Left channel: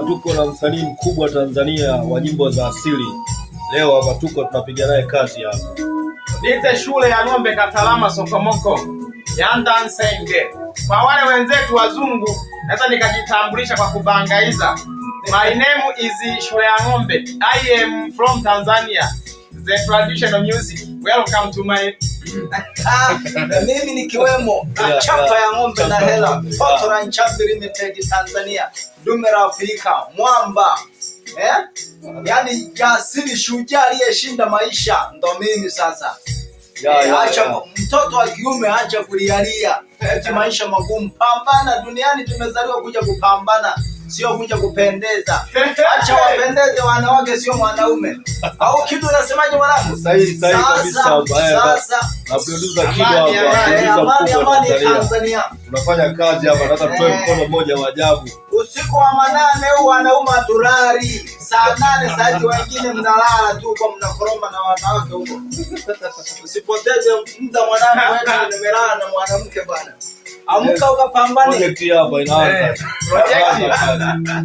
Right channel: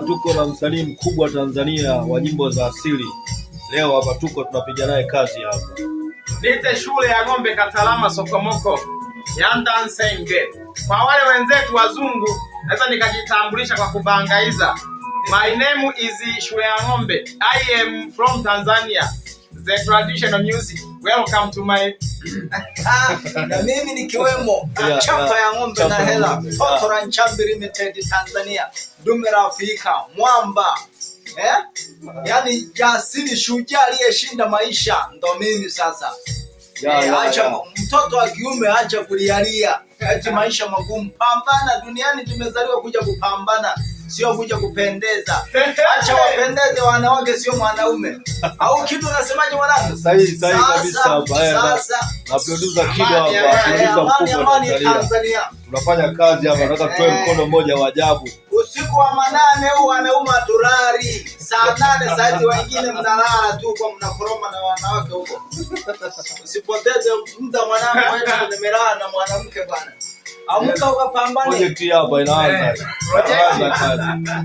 Tuko na msanii mkubwa Tanzania wa nyimbo za asili. Leo hapa tuko tunapiga naye kazi hapa. Nite shule ya ng'ombe Katalama Sokomoko. Yanda Nsenge. Kwa wale wenzetu wazungu, naweza nikajitambulisha kwa kubangaiza. My name is Shule ya Ng'ombe. I am from Tanzania. The traditional music. Welcome to my na mimi nikiwemo chapa ya ng'ombe na hela Fotora Nchambi Limited Tanzania, dume la Afrika, mwamba yani jasiri, shujaa aliyeshinda maisha, ndo mimi sasa. Acha mtoto wa kiume, acha kulialia eti maisha magumu. Pambana, duniani tumezaliwa kuja kupambana, sio kuja kupendeza. Acha wapendeze wanawake, sio mwanaume. Au kitu unasemaje mwanangu? Sahihi kabisa. Sasa na producer Kido amani Tanzania. Tunafanya kazi hapa, nataka tutoe mkono mmoja wa ajabu. Usiku wa manane huu wanaume turari. Saa 8 saa hizi wengine mnalala tu kwa mnakoroma na wanawake huko. Usipoteze muda mwanangu, wewe nimelala na mwanamke bwana. Amka ukapambane. Project hapa inaanza. Project.